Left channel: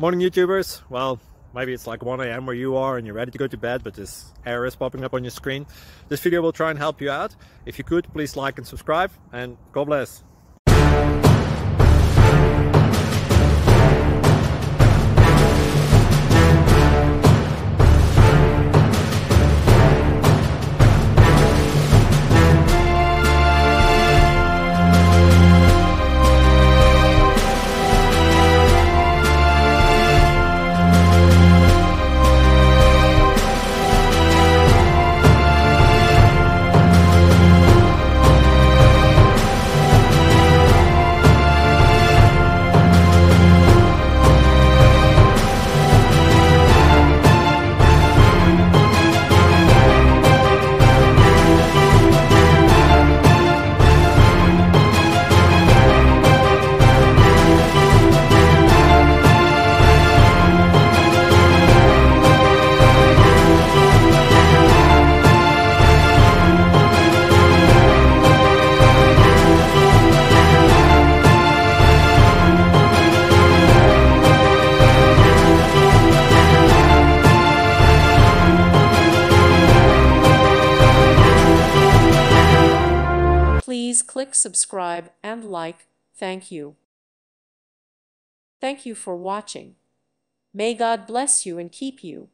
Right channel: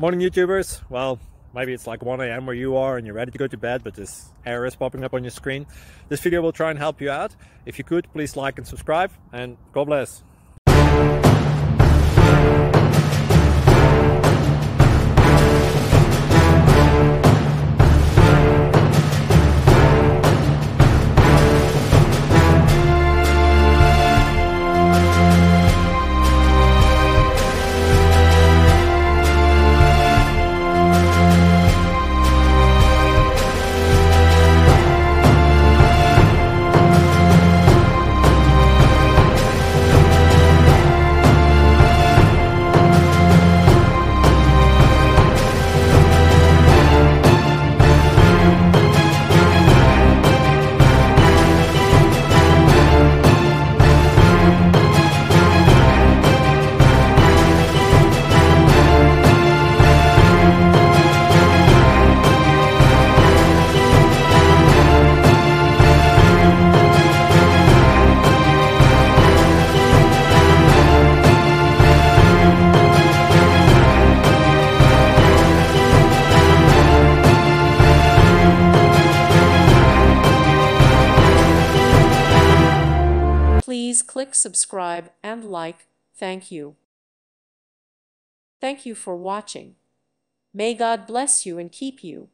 Morning YouTubers. Well, maybe it's like 1 a.m. where you are and you're ready to go to bed, but this error is popping up on your screen. This video will try and help you out. If you could, please like and subscribe, and God bless. Please click subscribe and like. Thank you. Thank you for watching. May God bless you and keep you.